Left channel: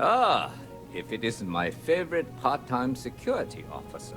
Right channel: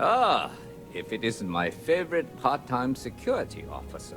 Ah, if it isn't my favorite part-time security officer.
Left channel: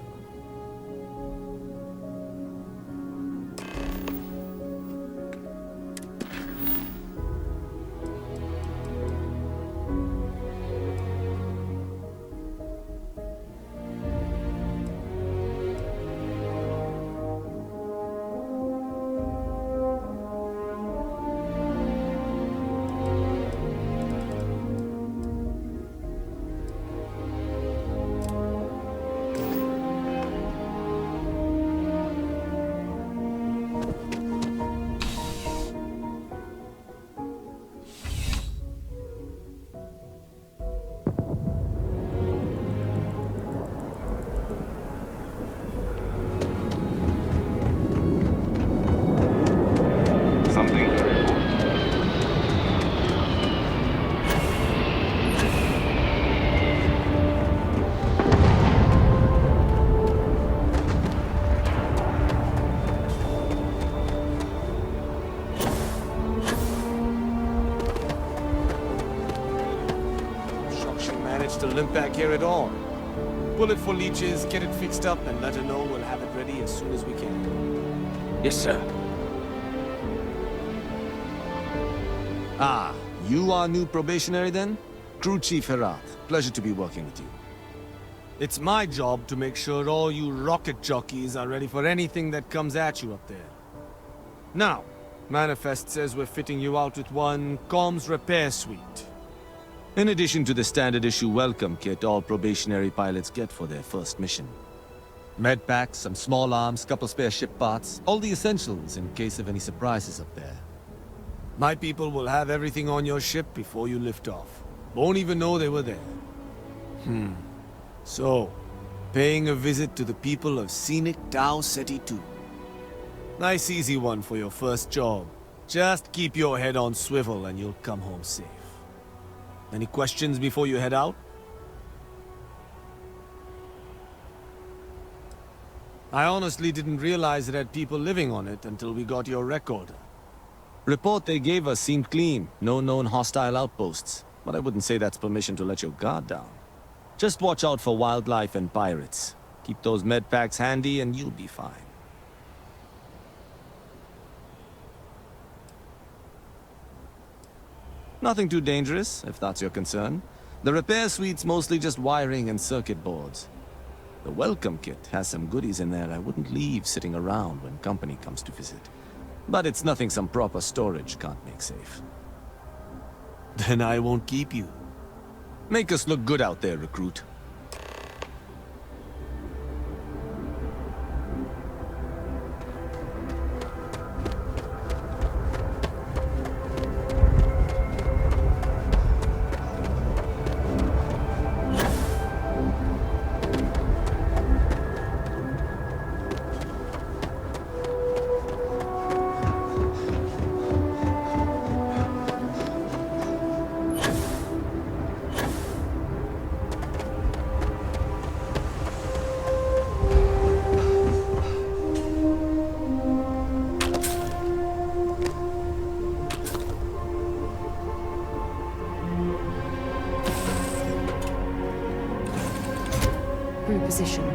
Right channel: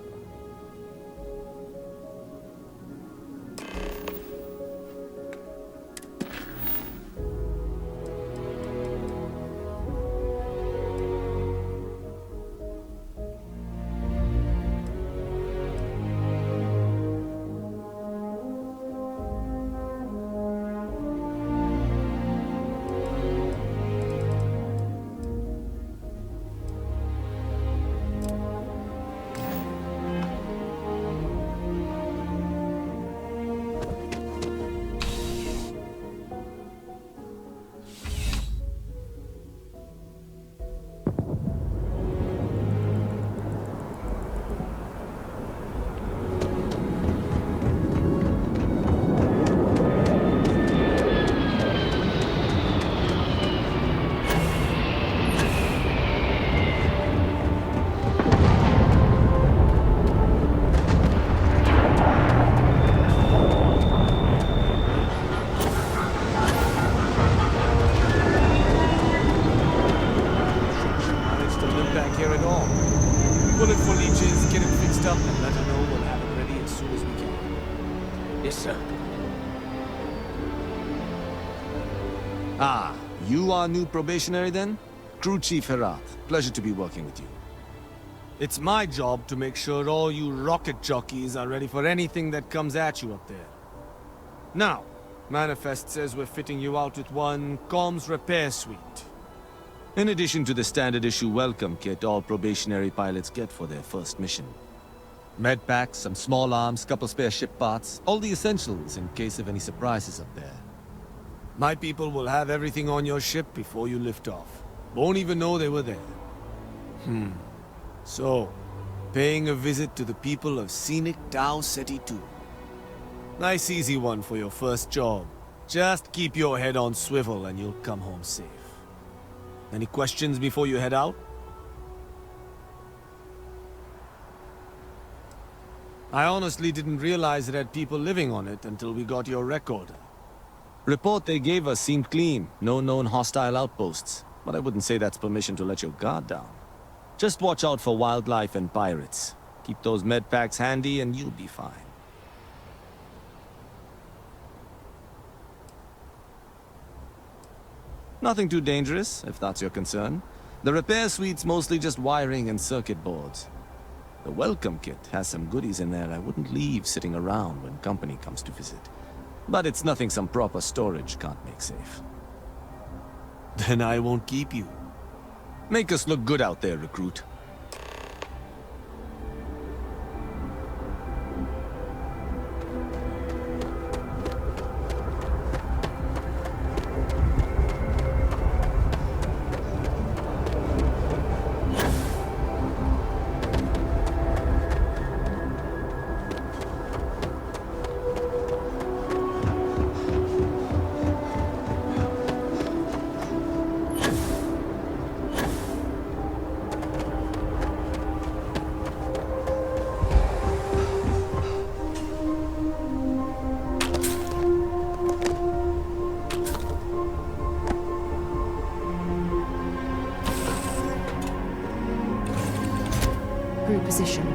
She managed to limp back here at all. Pull it for leeches, get it fixed up, and let her know we'll have it ready as soon as we can. Yes, sir. Ah, you are new probationary then? Crew Chief Herat. Pleasure to be working with you. It's my job to make sure all you rocket jockeys are ready for anything that comes at you up there. Now, Manifest says we're fitting you out with one comms repair suite. In addition to the standard issue welcome kit all probationary pilots get for their first mission. Med packs, some small arms, couple spare ship parts, all the essentials in case of any surprises up there. My people will have everything on your ship before you lift off. Won't even know they were there. So, paying a visit to the people of scenic Tau Ceti 2. Nice easy one for your first job. Just keep your head on swivel and you'll come home safe. Any questions before you head out? I honestly didn't realize it had people living on it until we got your recorder. Report they gave us seemed clean, no known hostile outposts. But I wouldn't say that's permission to let your guard down. Just watch out for wildlife and pirates. Keep those med packs handy and you'll be fine. Nothing too dangerous, if that's your concern. The repair suite's mostly just wiring and circuit boards. The welcome kit has some goodies in there I wouldn't leave sitting around when company comes to visit. But it's nothing some proper storage can't make safe. Then I won't keep you. Make us look good out there, recruit. Crew position.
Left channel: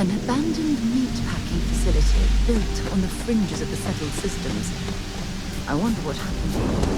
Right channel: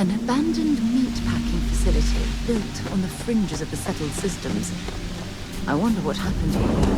An abandoned meat-packing facility built on the fringes of the settled systems. I wonder what happened here.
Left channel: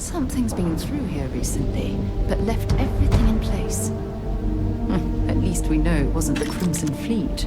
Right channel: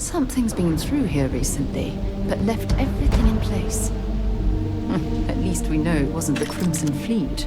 Something's been through here recently, but left everything in place. At least we know it wasn't the Crimson Fleet.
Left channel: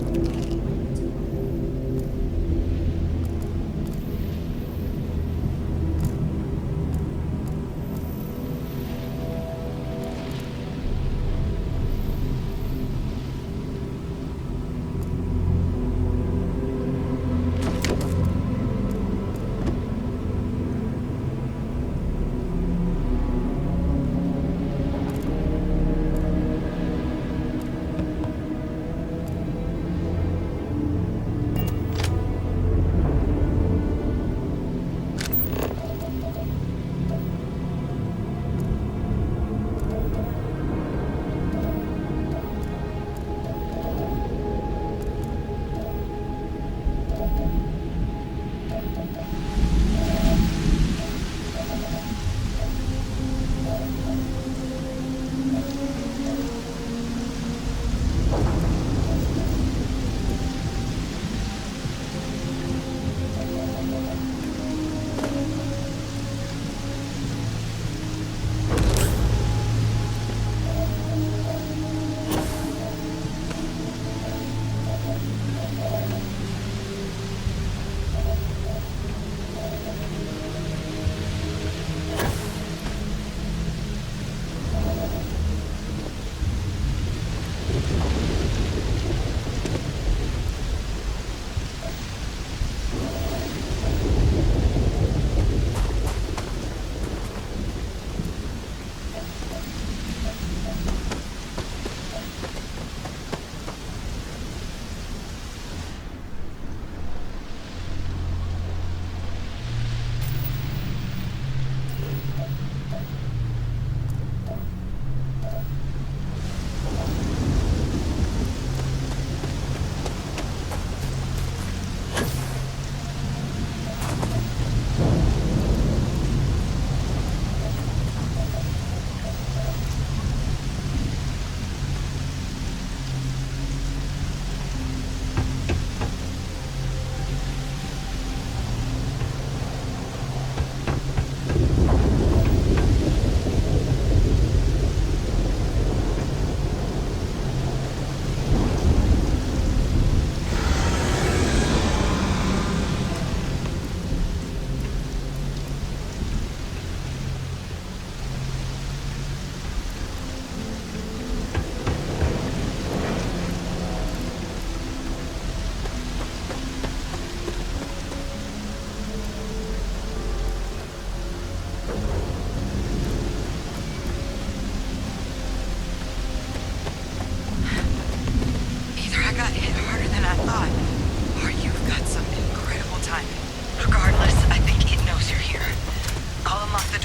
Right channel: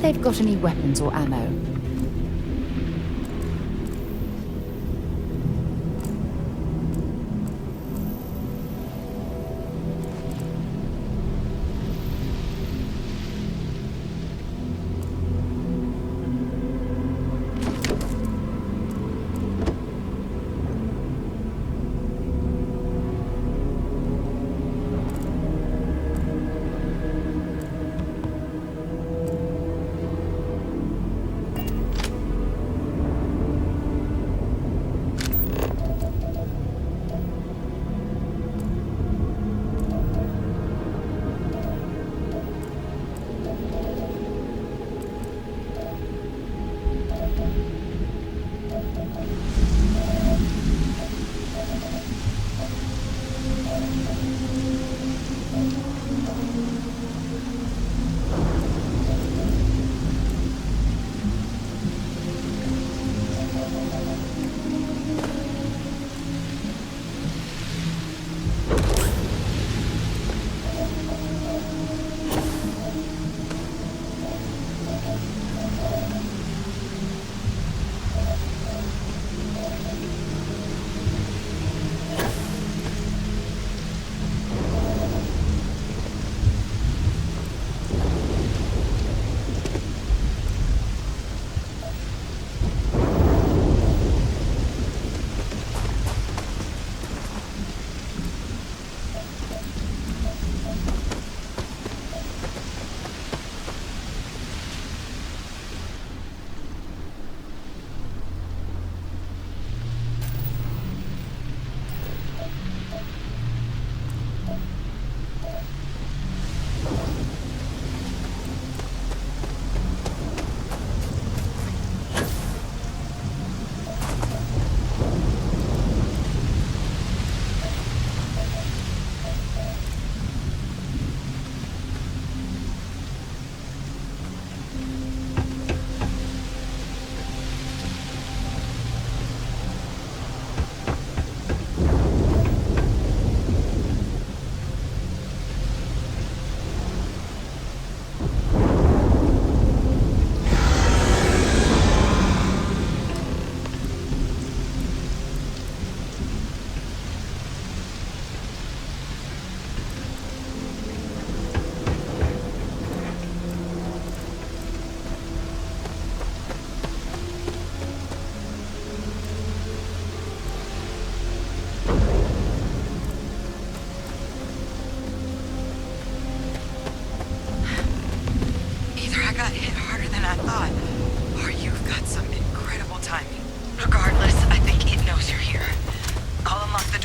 They've got any weapons or ammo.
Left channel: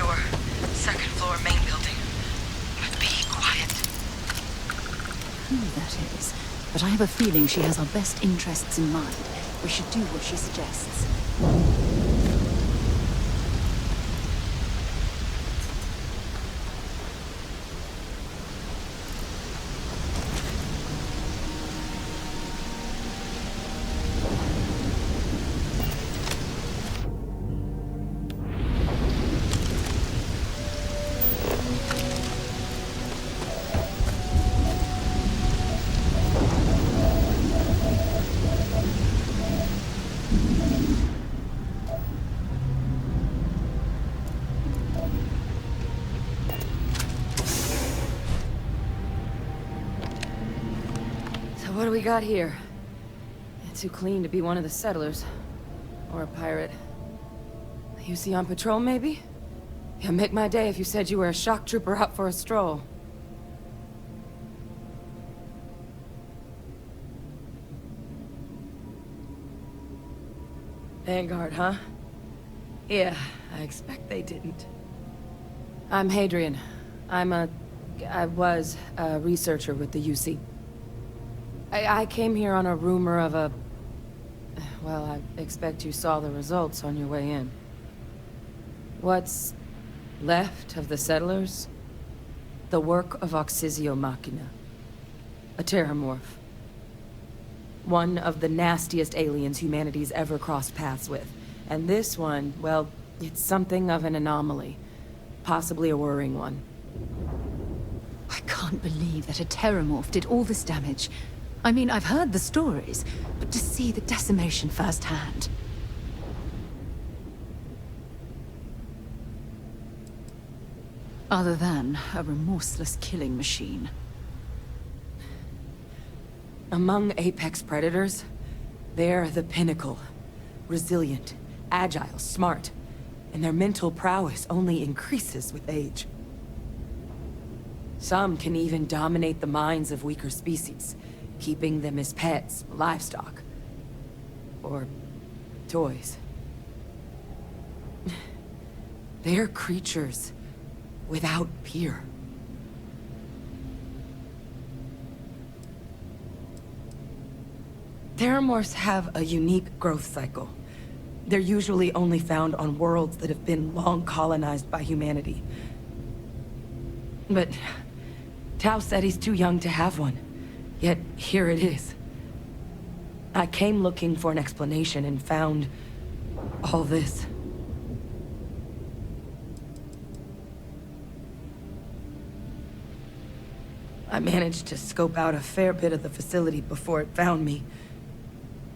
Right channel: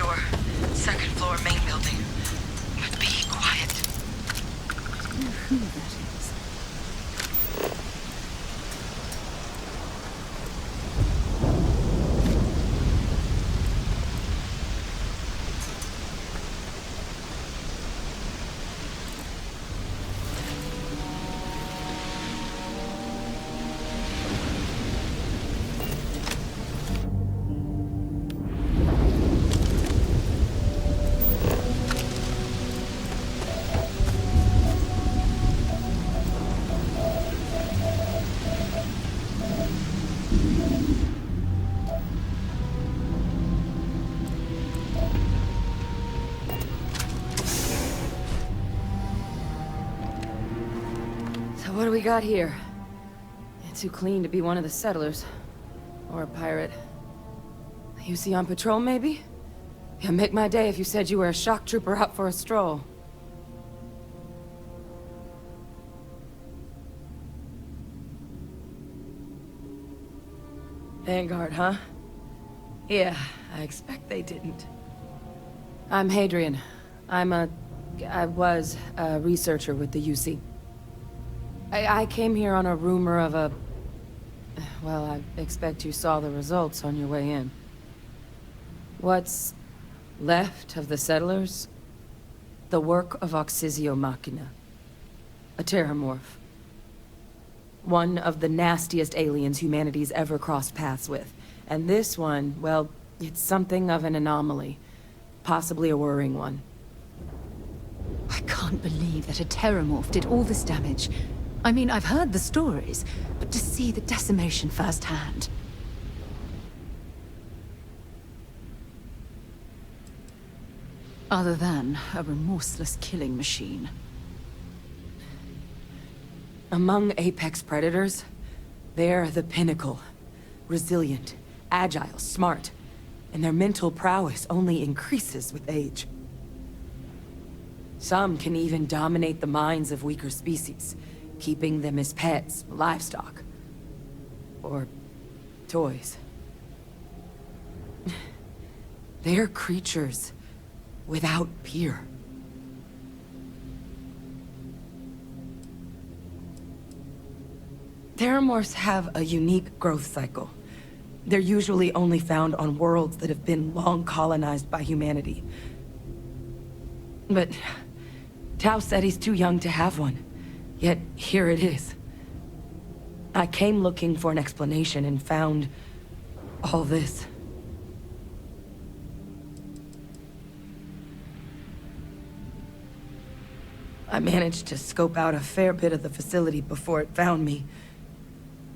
door. Second floor, main building. But be quiet. Who that is, but I have a feeling she has our best interests in mind. We should do what she suggests. What do we got here? You're too clean to be one of the settlers. Or a pirate. You see on patrol, maybe? Yeah, make my day if you said you were a shock trooper out for a stroll. Vanguard, huh? Yeah, I expect they didn't. I'm Hadrian. I was a researcher with the UC. I came here on a rumor of a... Well, I expect you saw the results on your way in. What's left of the settlers? The work of Auxisio Machina. A terramorph. One of the nastiest aliens humanity's ever crossed paths with. And this one, well, it's something of an anomaly. Possibly a worrying one. I can't believe that a terramorph did all this damage. I mean, I've heard the stories, but to see the decimation firsthand. Other than a remorseless killing machine. Among apex predators, they're the pinnacle. Resilient, agile, smart, and their mental prowess only increases with age. Some can even dominate the minds of weaker species, keeping them as pets, livestock, or toys. They're creatures without peer. Terramorphs have a unique growth cycle. They're usually only found on worlds that have been long colonized by humanity. But Tau said he's too young to have one. Yet, here it is. I came looking for an explanation and found all this. I managed to scope out a fair bit of the facility before it found me.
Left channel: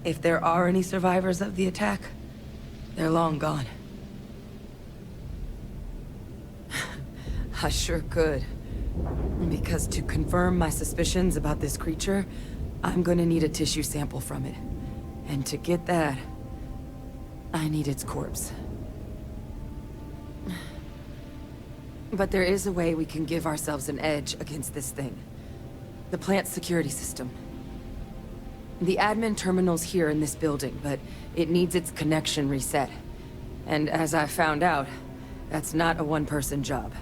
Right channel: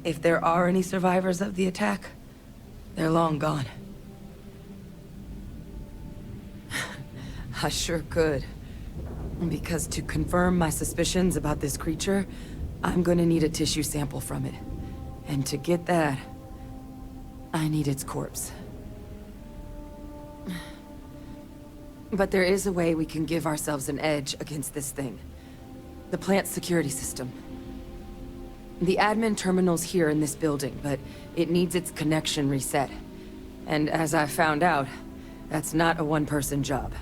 If there are any survivors of the attack, they're long gone. I sure could. Because to confirm my suspicions about this creature, I'm gonna need a tissue sample from it. And to get that, I need its corpse. But there is a way we can give ourselves an edge against this thing. The plant's security system. The admin terminal's here in this building, but it needs its connection reset. And as I found out, that's not a one-person job.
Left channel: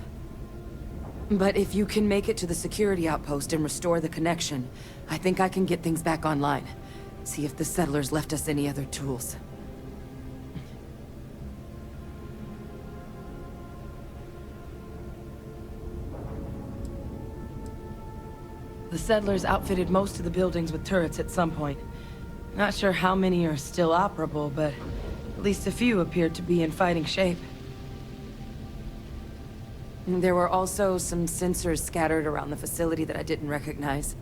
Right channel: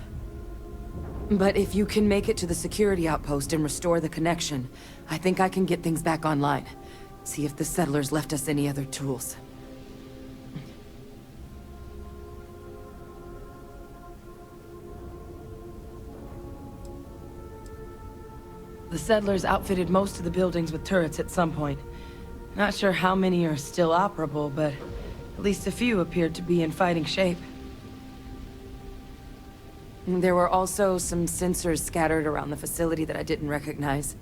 But if you can make it to the security outpost and restore the connection, I think I can get things back online. See if the settlers left us any other tools. The settlers outfitted most of the buildings with turrets at some point. Not sure how many are still operable, but at least a few appeared to be in fighting shape. There were also some sensors scattered around the facility that I didn't recognize.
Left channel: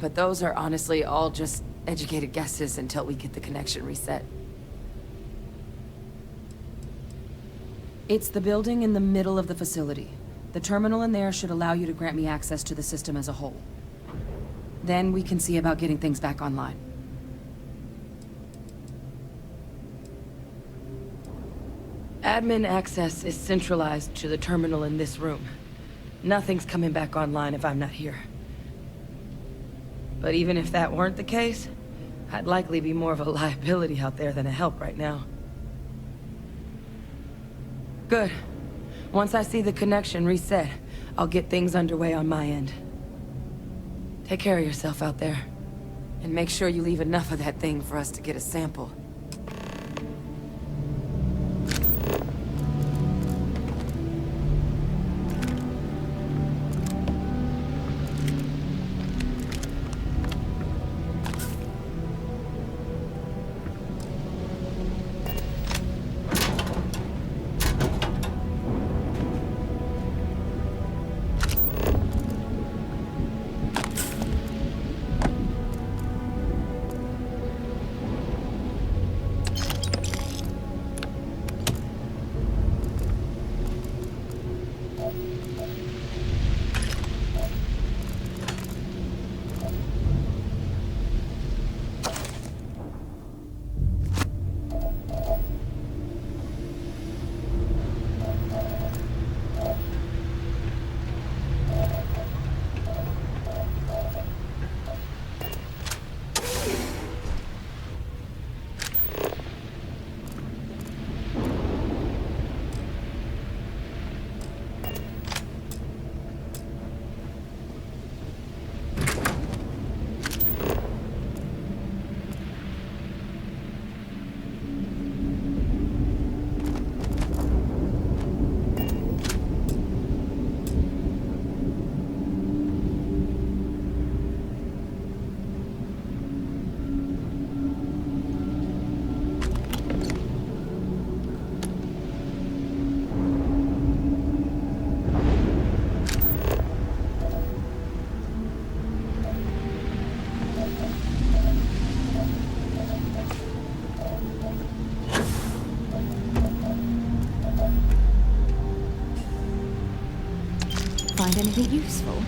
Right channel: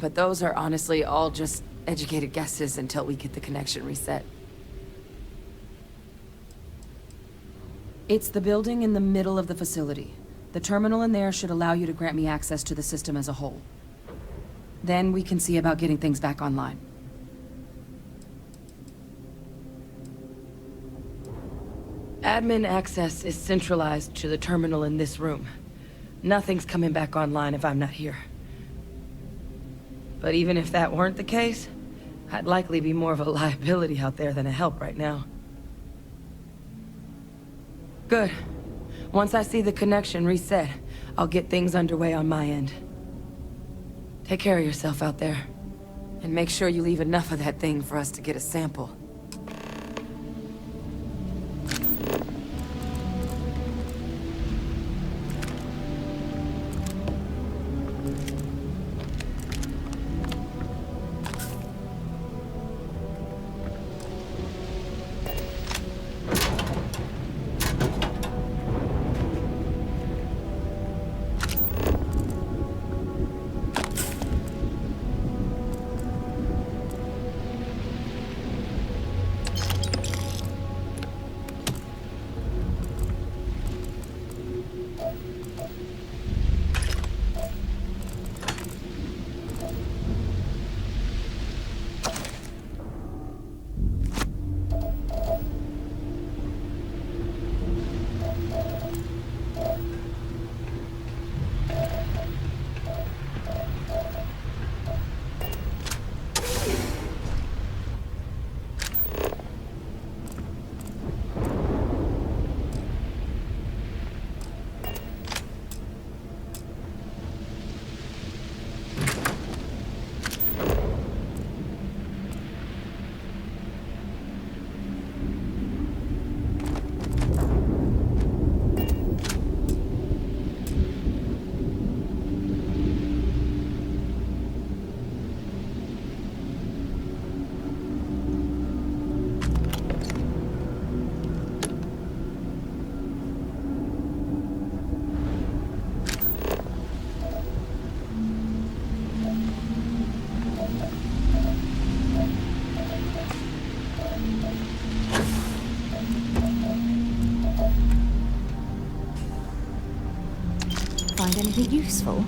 But those are honestly all just educated guesses until we get the connection reset. It's the building in the middle of the facility. The terminal in there should allow you to grant me access to the system as a whole. Then we can see about getting things back online. Admin access is centralized to the terminal in this room. Nothing's coming back online if I'm not here. But even if that weren't the case, I'd likely be more of a liability out there than a help right now. Good. Once I see the connection reset, I'll get things underway on my end. Take care of yourself out there. And make sure you leave enough of that thing for us to get a sample. Find anything useful?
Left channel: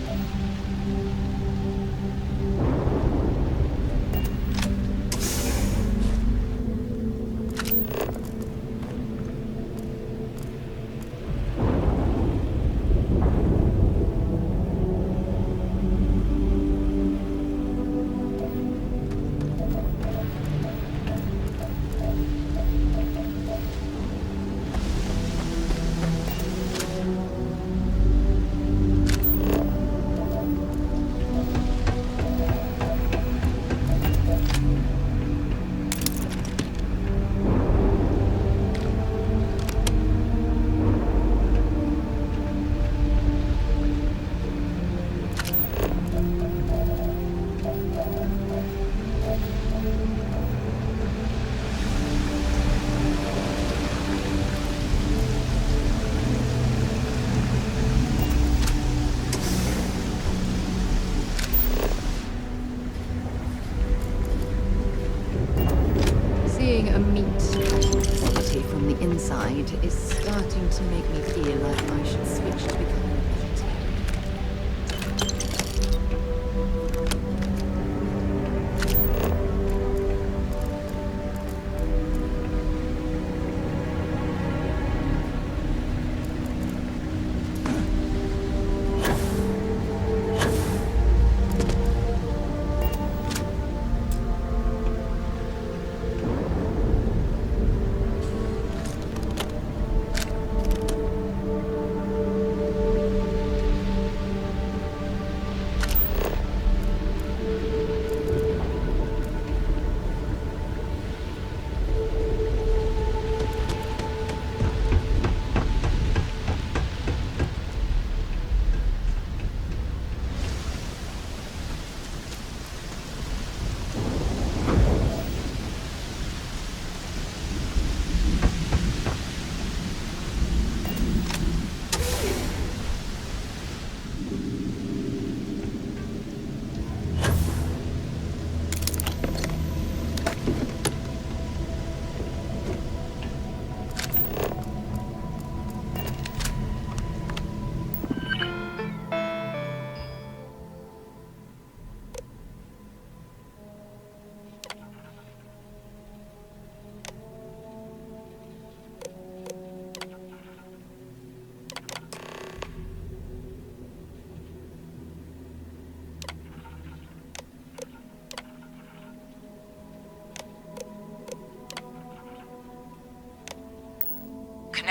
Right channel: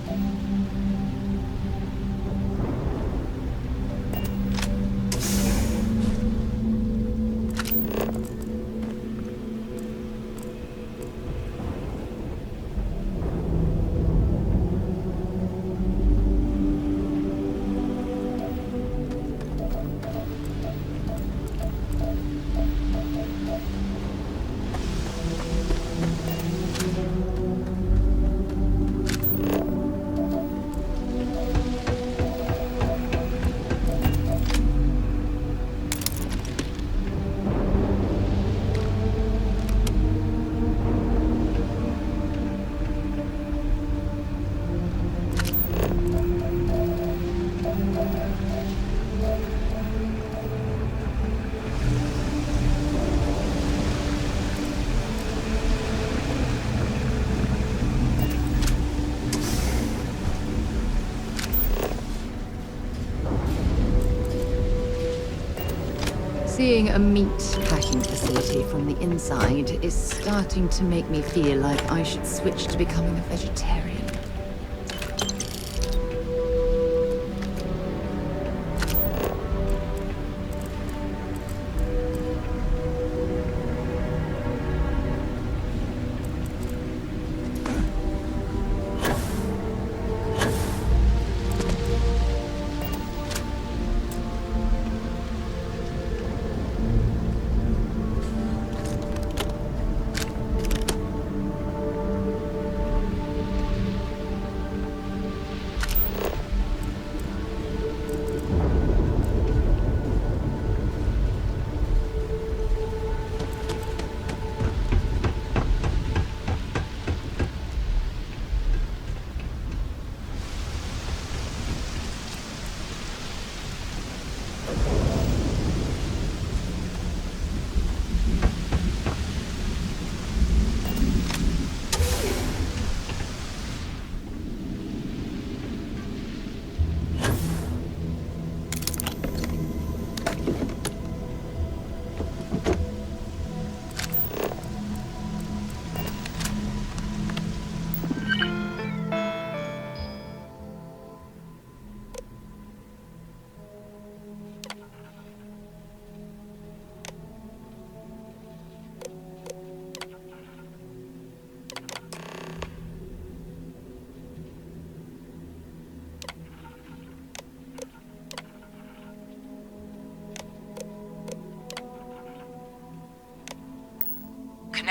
Seeing a meat packing facility from the inside is starting to make me feel like I should switch to becoming a vegetarian.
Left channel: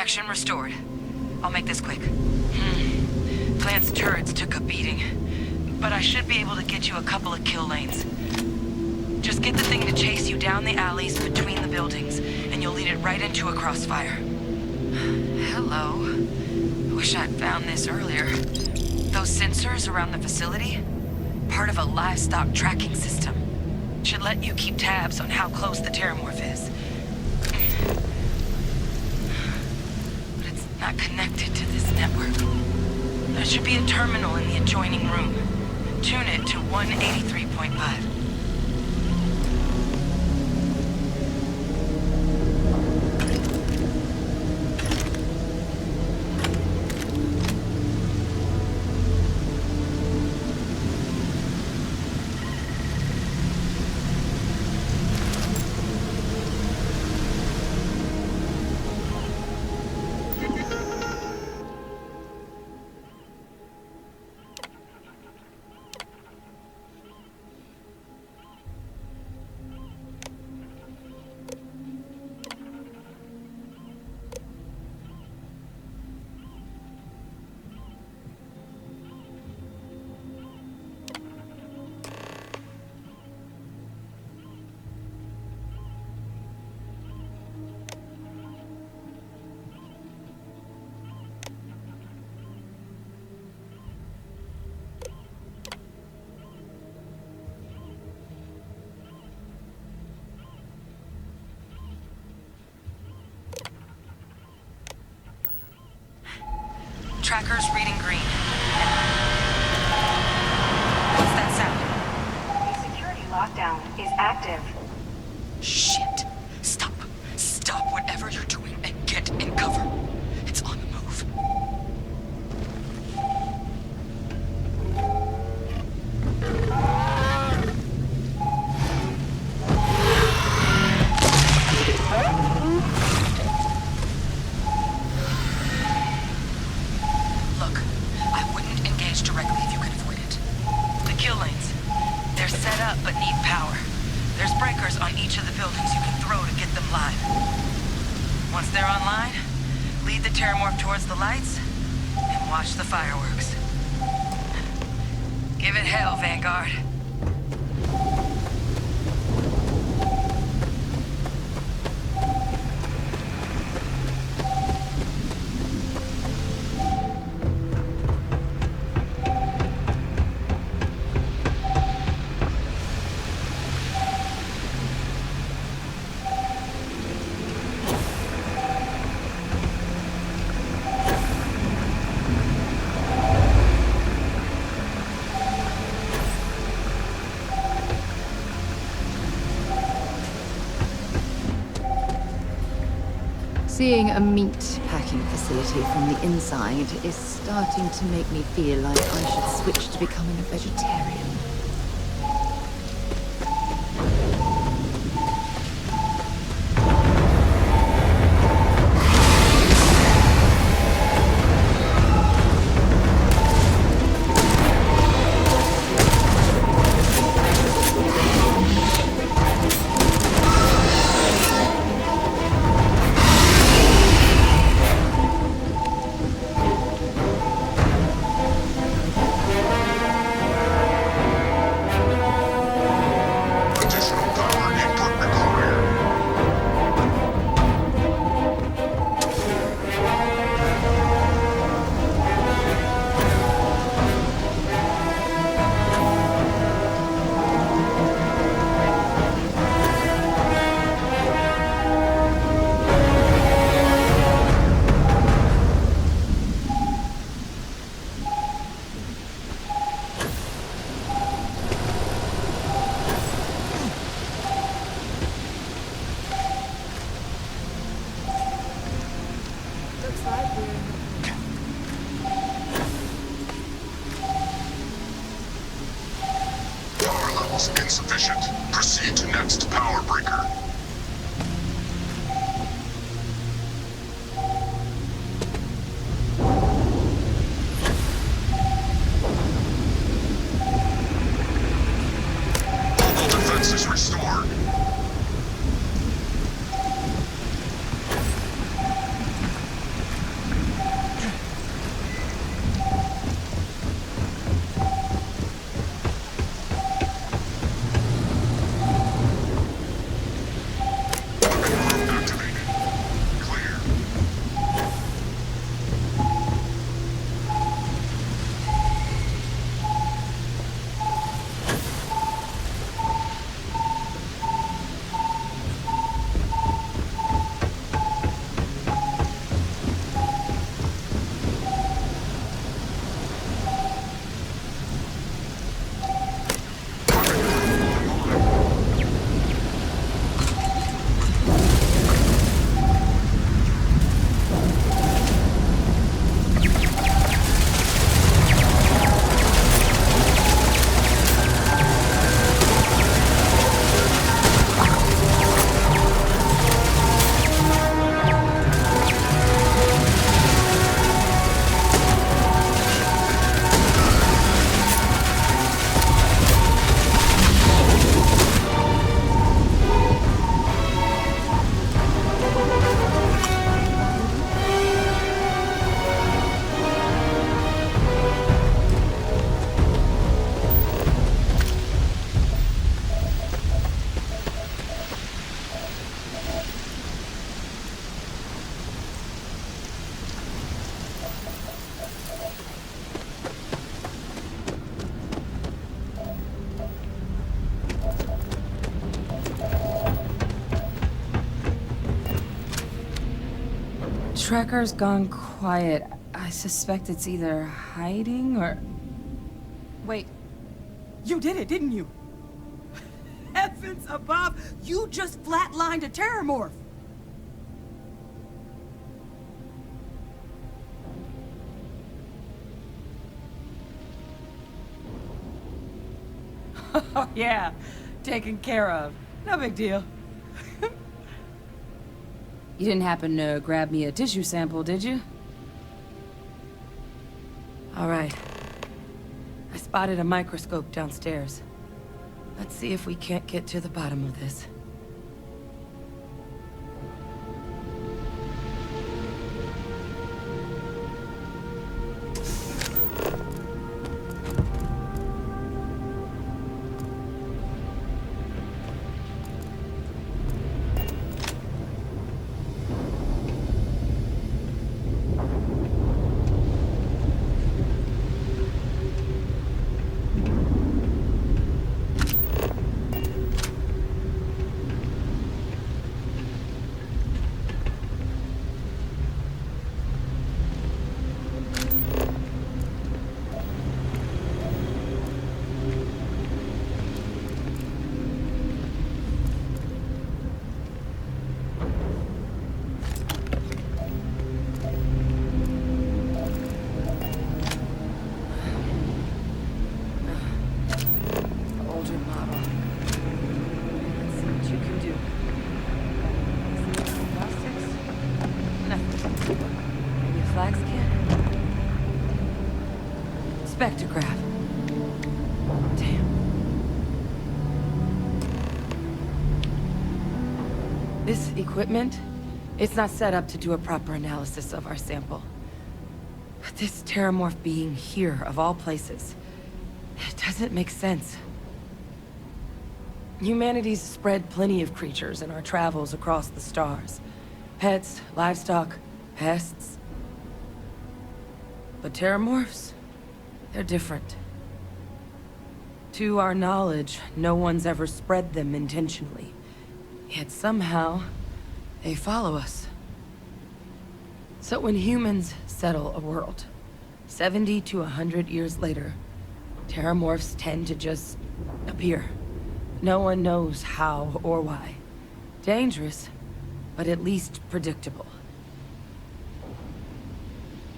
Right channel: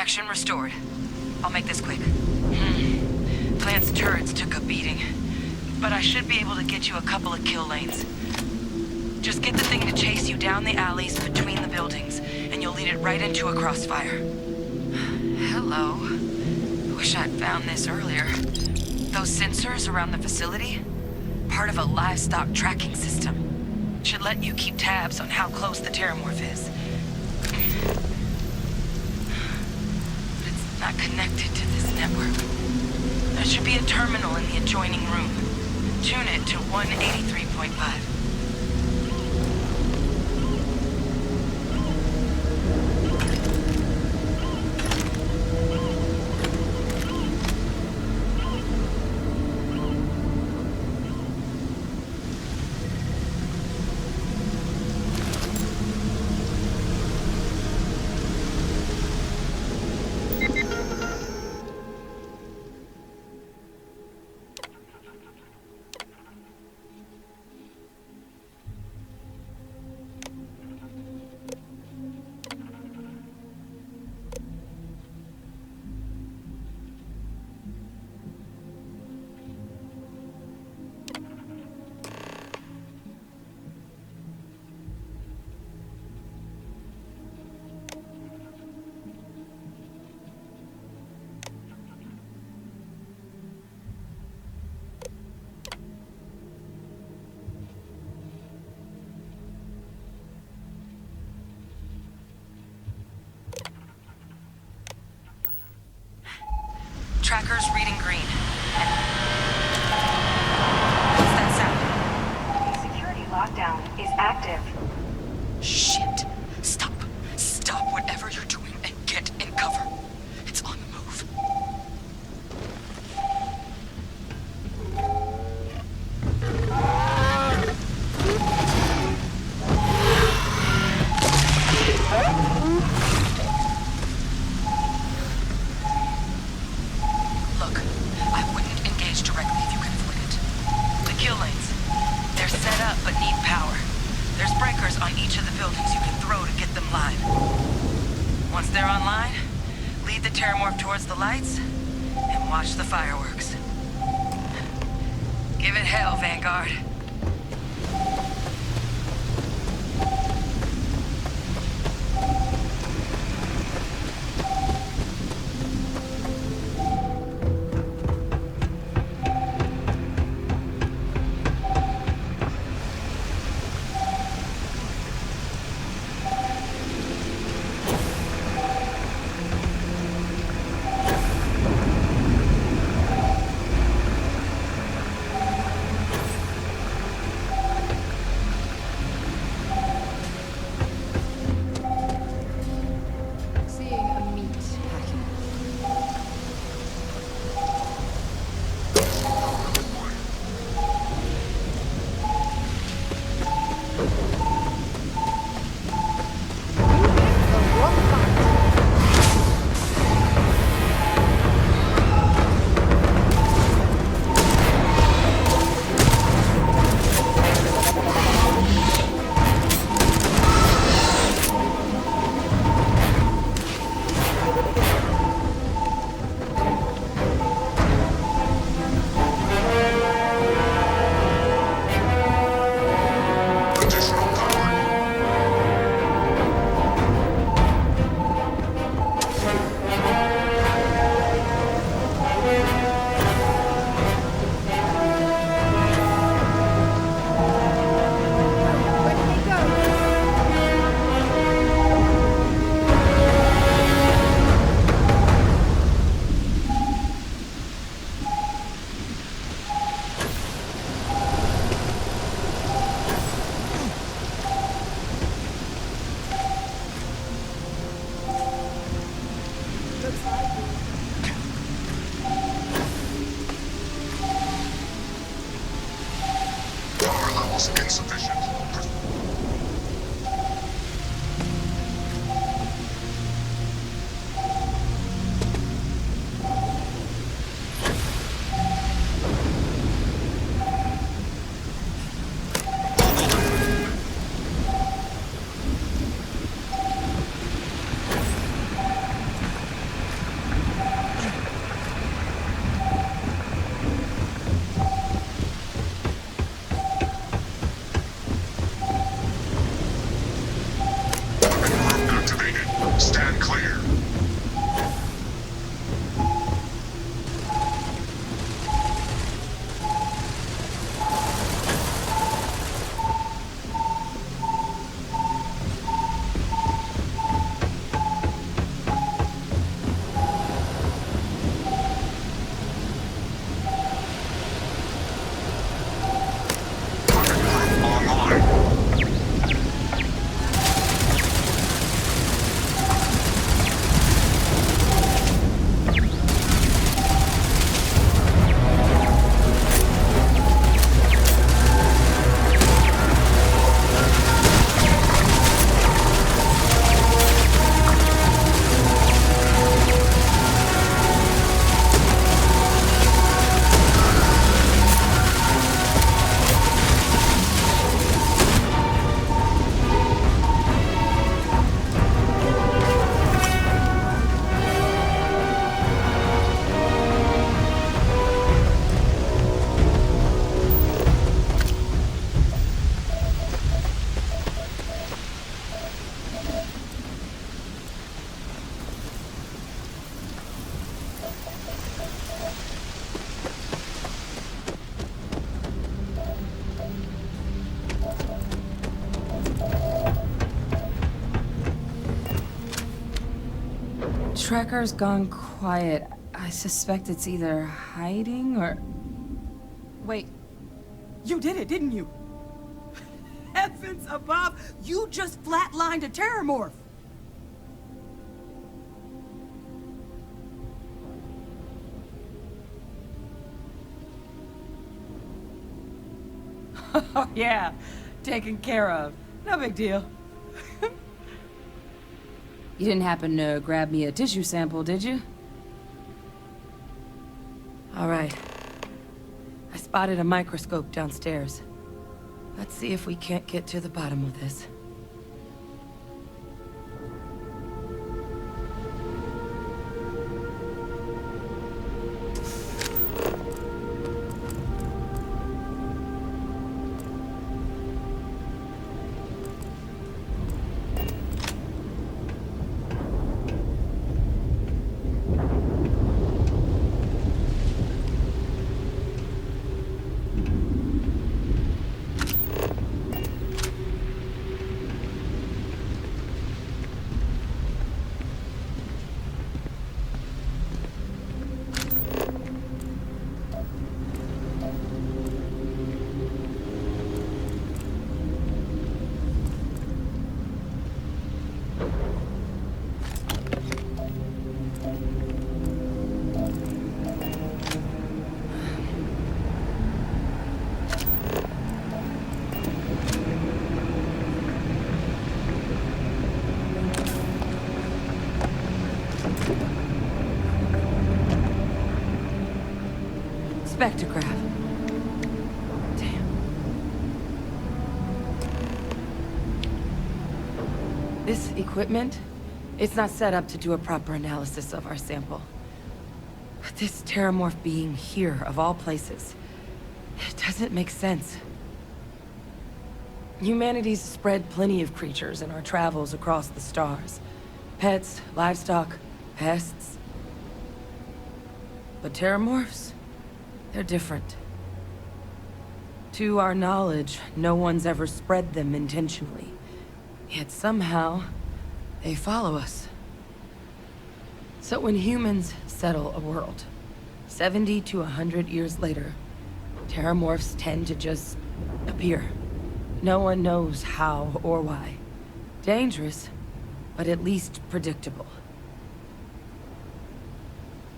Reaction restored. I'll make this quick. Plant's turrets took a beating, but I should be able to get you a couple of kill lanes. Just get the thing to chase you down the alleys between the buildings, and you'll lead it right into a crossfire. Hello. Wish I'd found this earlier. Those sensors around the facility? Part of a livestock tracking system. Should let you keep tabs on how close the Terramorph is. But it's not connected to this network. There should be a terminal in the adjoining room. Tune it to 183.5. Tracker's reading green. What's that sound? The security lockdown is active. Shit. Stop. Stop whatever you're doing and get in cover. It's on the move. Look, I wouldn't engage directly if you can avoid it. The kill lanes, they're set up but need power. There's breakers on each of the buildings you can throw to get them live. Once they're online, lead the Terramorph towards the lights and watch the fireworks. Give it hell, Vanguard. Seeing a meat packing facility from the inside is starting to make me feel like I should switch to becoming a vegetarian. Power levels insufficient. Proceed to next power breaker. Local defenses restored. Trekker's gone quiet. I suspect it's either hiding or... Wait. You did it, didn't you? Heavens above, you just flatlined a terramorph! Oh yeah, taken care of. No big deal. You didn't happen to grab me a tissue sample, did you? All right. I spotted a microscope downstairs. Let's see if we can't get to the bottom of this. Spectrograph. Damn. This equipment, it's not set up to do a proper analysis of our sample. But this terramorph being here, of all places, it doesn't make sense. Humanity's spread plenty of creatures in our travels across the stars. Pets, livestock, pests. But terramorphs? They're different. To our knowledge, no one's ever spread them intentionally. Yet somehow, they follow us. So when humans settle a world, 70 to 100 years later, terramorphs tend to just appear. No one knows how or why. Dangerous, but at least predictable.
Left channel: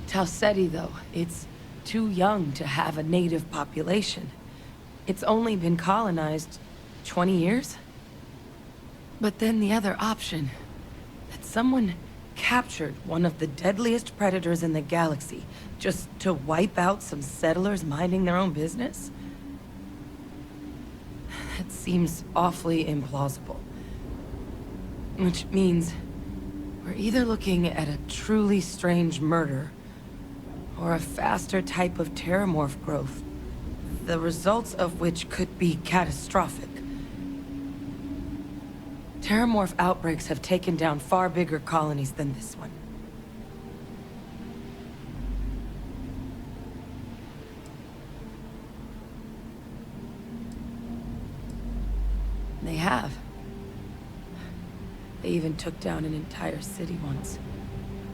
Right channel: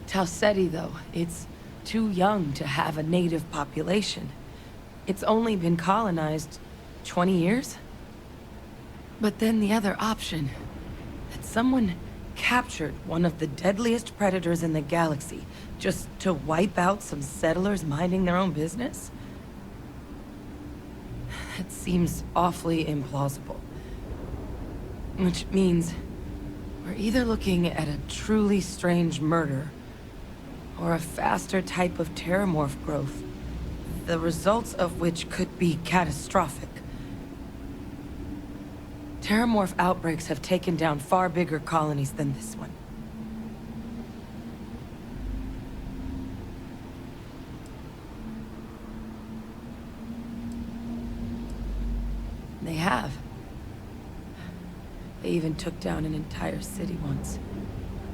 Tau Ceti, though, it's too young to have a native population. It's only been colonized 20 years? But then the other option, that someone captured one of the deadliest predators in the galaxy just to wipe out some settlers minding their own business? That seems awfully implausible. Which means we're either looking at a truly strange murder or a faster type of terramorph growth, the results of which could be catastrophic. Terramorph outbreaks have taken down far bigger colonies than this one. They have. They even took down an entire city once.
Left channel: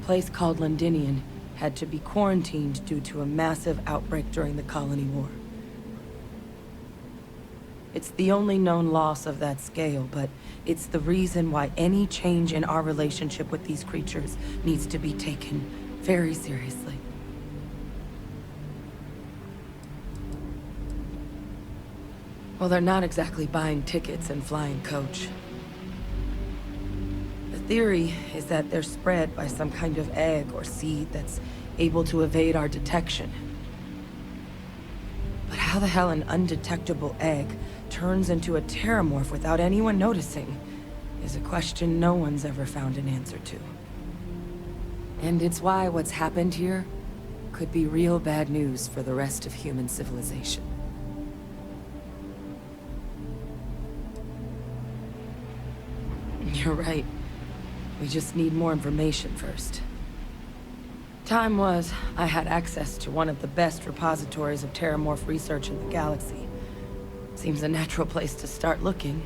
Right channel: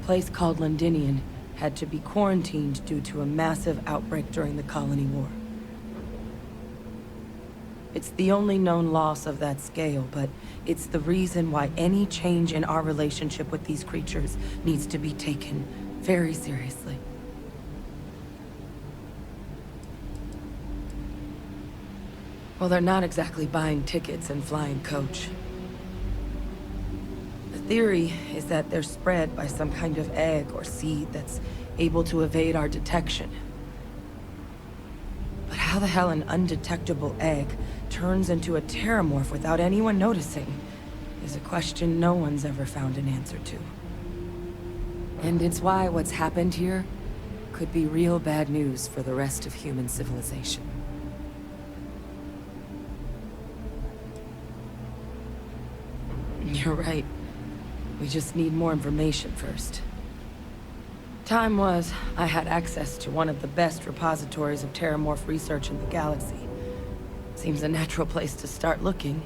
A place called Londinium had to be quarantined due to a massive outbreak during the Colony War. It's the only known loss of that scale, but it's the reason why any change in our relationship with these creatures needs to be taken very seriously. Well, they're not exactly buying tickets and flying coach. The theory is that they're spread by some kind of egg or seed that's able to evade our detection. But how the hell an undetectable egg turns into a terramorph without anyone noticing is a question no one's ever found an answer to. And it's why what's happened here could be real bad news for the rest of human civilization. You're right. We just need more information first. Time was, I had access to one of the best repositories of terramorph research in the galaxy. Seems a natural place to start looking,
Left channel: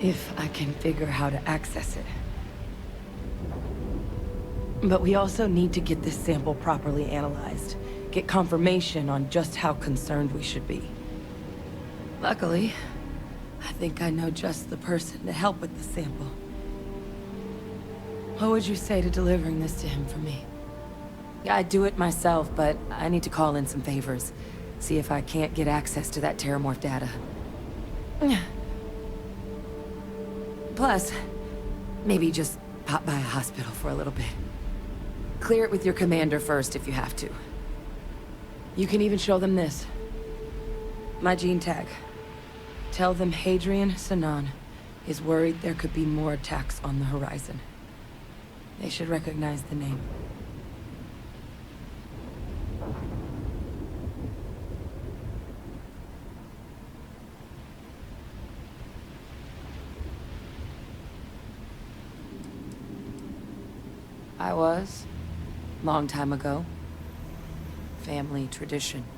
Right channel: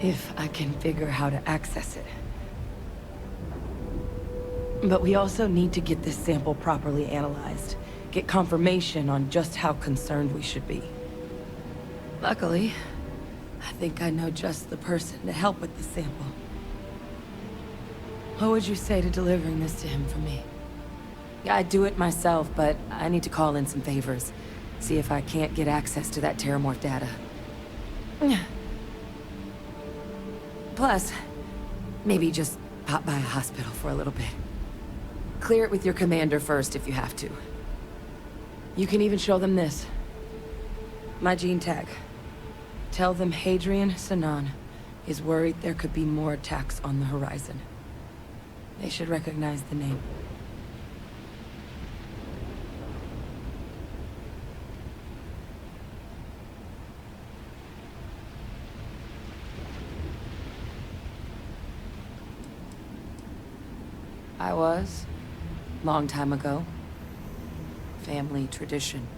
if I can figure how to access it. But we also need to get this sample properly analyzed. Get confirmation on just how concerned we should be. Luckily, I think I know just the person to help with the sample. What would you say to delivering this to him for me? I'd do it myself, but I need to call in some favors. See if I can't get access to that Terramorph data. Plus, maybe just pop by a hospital for a little bit. Clear it with your commander first if you have to. You can even show them this. My gene tag. Tell them Hadrian Sanan is worried there could be more attacks on the horizon. They should recognize the name. I was. Long time ago. Family tradition.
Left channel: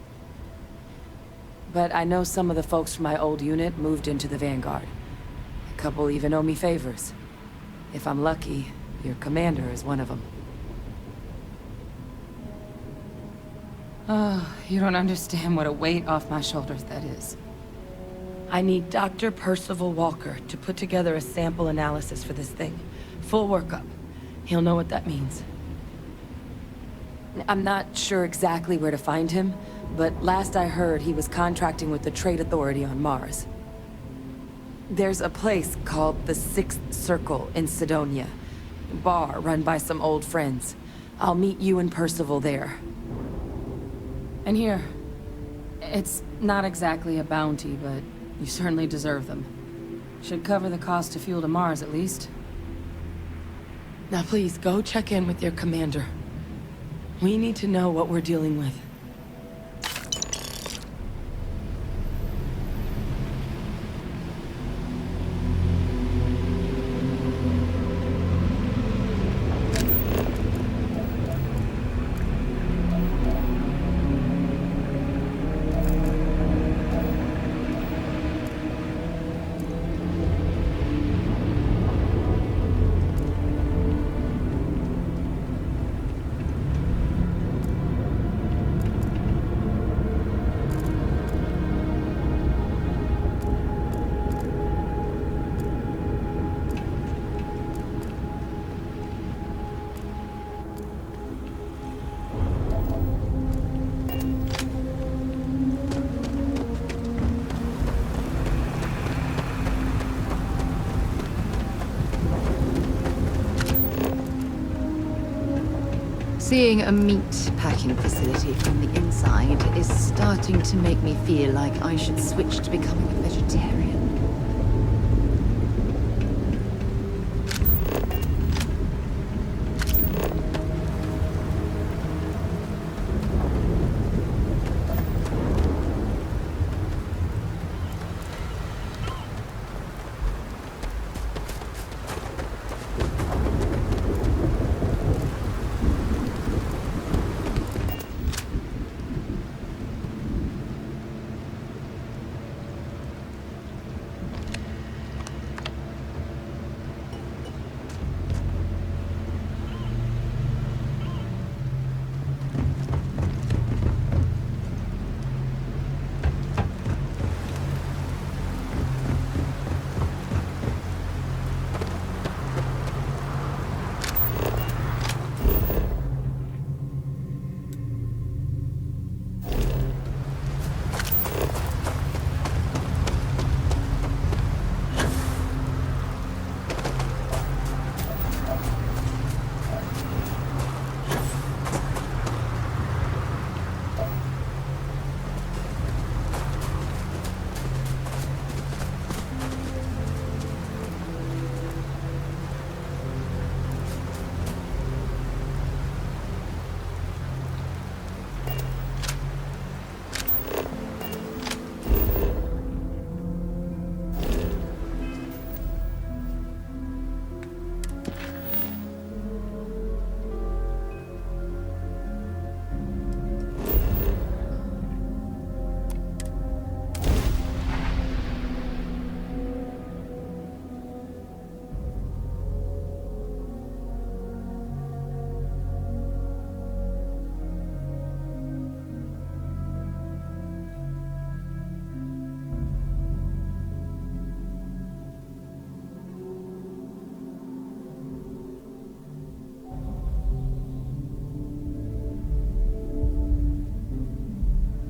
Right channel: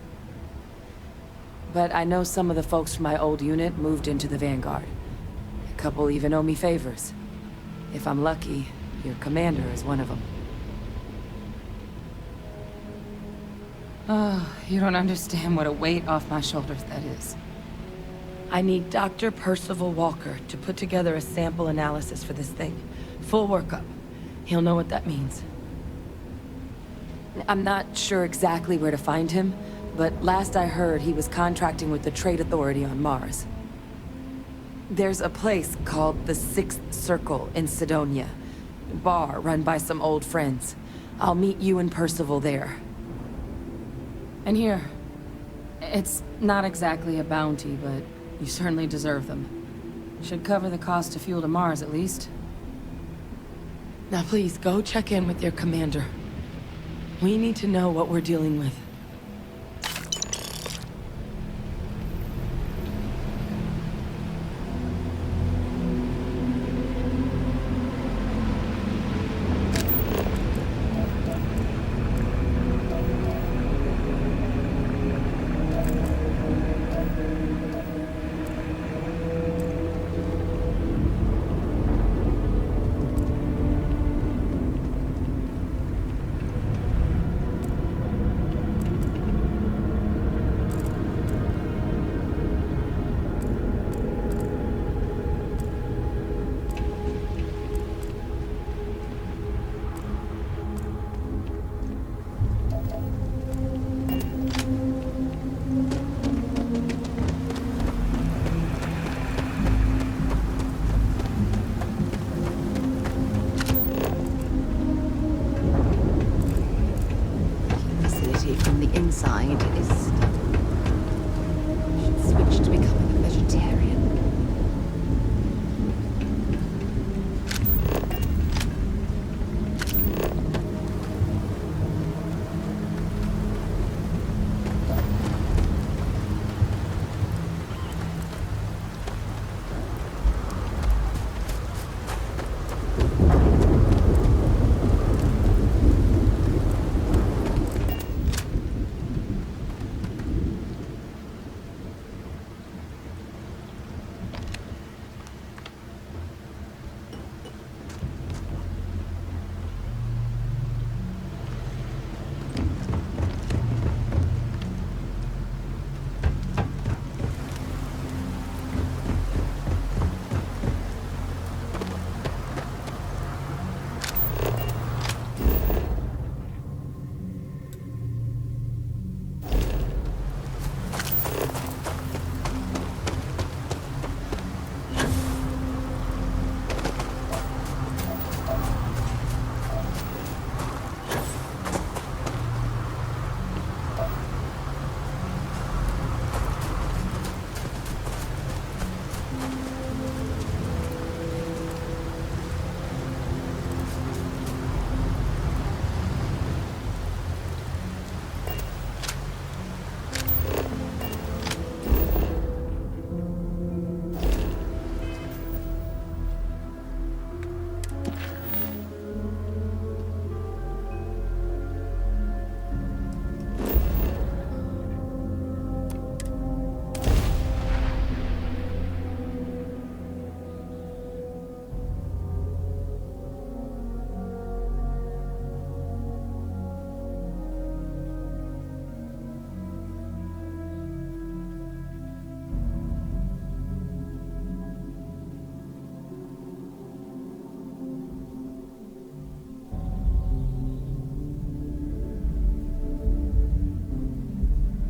But I know some of the folks from my old unit moved into the Vanguard. A couple even owe me favors. If I'm lucky, your commander is one of them. Oh, you don't understand what a weight off my shoulders that is. I need Dr. Percival Walker to put together a sample analysis for this thing. Full workup. He'll know what that means. I'm not sure exactly where to find him, but last I heard he was contracting with the Trade Authority on Mars. There's a place called the Sixth Circle in Cydonia. A bar run by some old friends. I'll meet you and Percival there. And here. It's not exactly a bounty, but you certainly deserve them. Should cover the cost of fuel to Mars, at least. Now please, go check in with your commander. We need to know what we're dealing with. Seeing a meat packing facility from the inside is starting to make me feel like I should switch to becoming a vegetarian.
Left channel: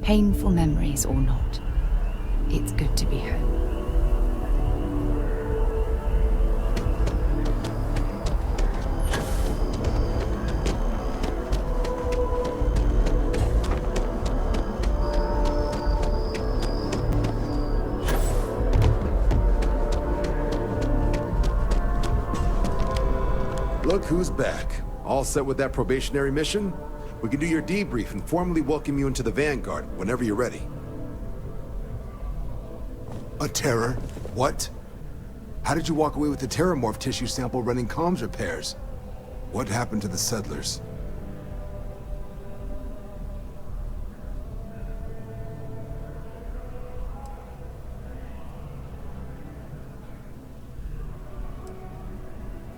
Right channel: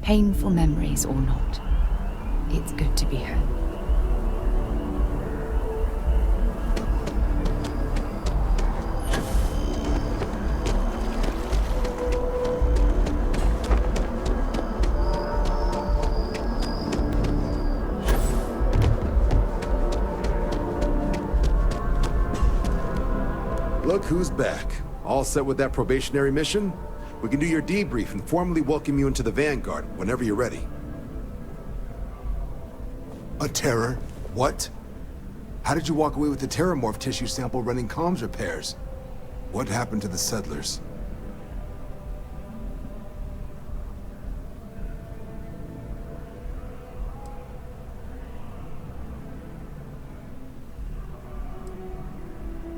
Painful memories or not, it's good to be home. Look who's back. All set with that probationary mission? We can do your debrief and formally welcome you into the Vanguard whenever you're ready. A terror? What? How did you walk away with the Terramorph tissue sample running comms repairs? What happened to the settlers?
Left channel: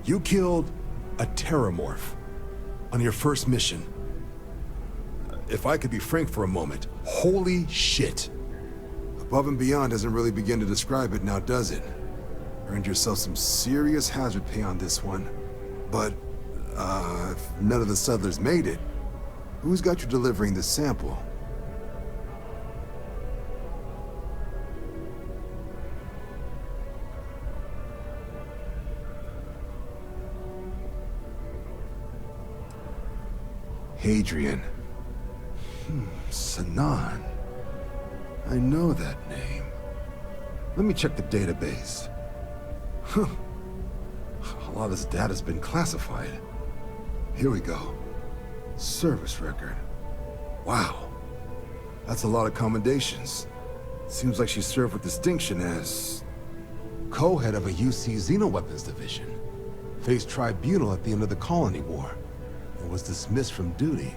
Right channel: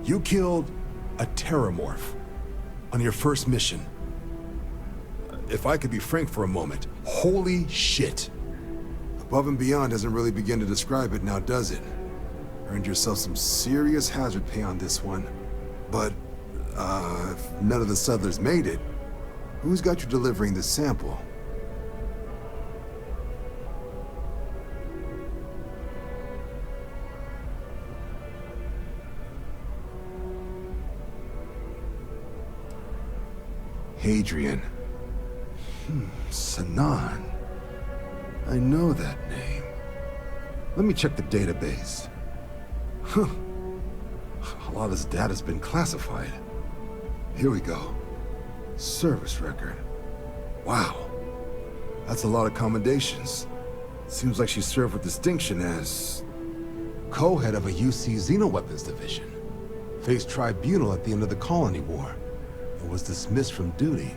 You killed a Terramorph on your first mission. If I could be frank for a moment, holy shit. Above and beyond doesn't really begin to describe it now, does it? Earned yourself some serious hazard pay on this one. But, if none of the settlers made it, who's got you delivering the sample? Hadrian. Sinan. I know that name. Let me check the database. Huh. A lot of this data's been classified. Here we go. Service record. Wow. That's a lot of commendations. Seems like she served with distinction as co-head of a UC Xenoweapons division. Faced tribunal at the end of the Colony War. And was dismissed from duty.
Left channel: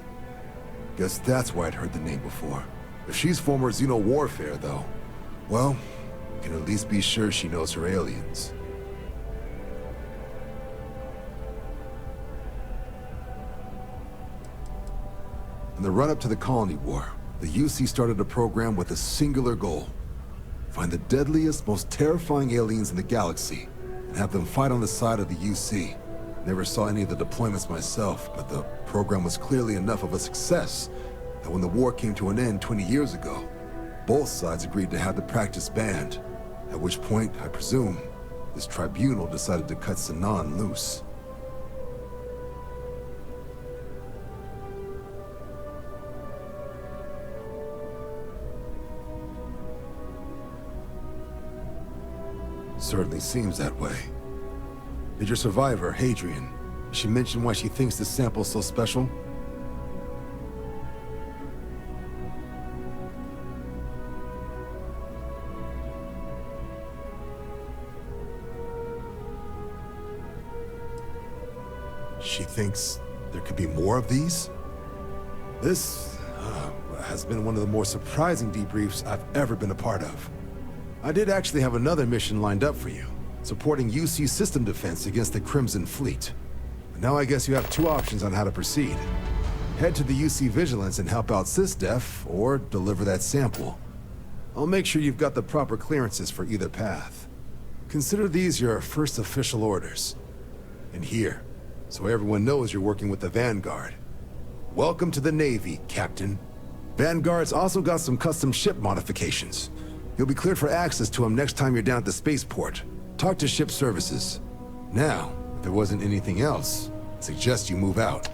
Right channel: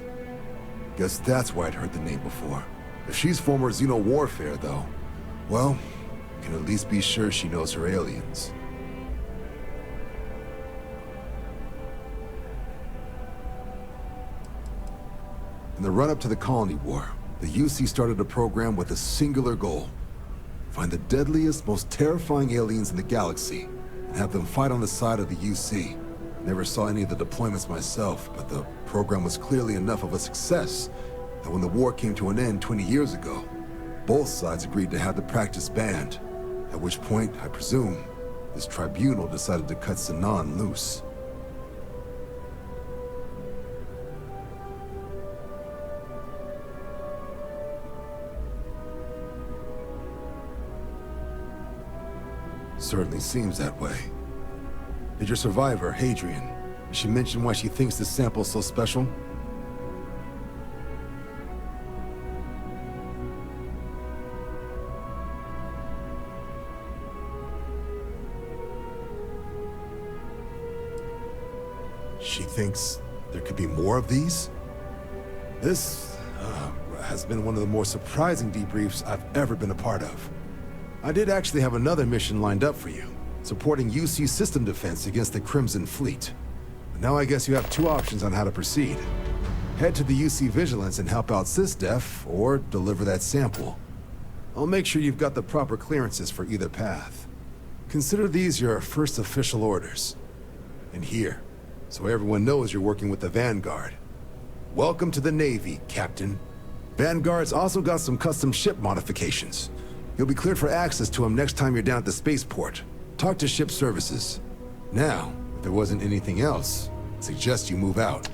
Guess that's why I'd heard the name before. If she's former Xeno warfare, though, well, we can at least be sure she knows her aliens. In the run-up to the Colony War, the UC started a program with a singular goal. Find the deadliest, most terrifying aliens in the galaxy, and have them fight on the side of the UC. Never saw any of the deployments myself, but the program was clearly enough of a success that when the war came to an end 20 years ago, both sides agreed to have the practice banned, at which point, I presume, this tribunal decided to cut Sinan loose. Certainly seems that way. Did your survivor, Hadrian, she mention why she thinks this sample's so special? She thinks there could be more of these? This has been one of the more surprising debriefs I've ever been a part of. I did actually have another mission lined up for you, supporting UC system defense against the Crimson Fleet. But now I guess you have two options on how to proceed. Head to the UC Vigilance and help out SysDef, or deliver that sample. I'll make sure you've got the proper clearances for either path. Consider these your first official orders. And here, so everyone knows you're working with the Vanguard. Welcome to the Navy, Captain. Vanguard's also got some custom ship modifications. You'll be cleared for access to them next time you're down at the spaceport. Talk to ship services. Now, if there wasn't anything else, I suggest you move out.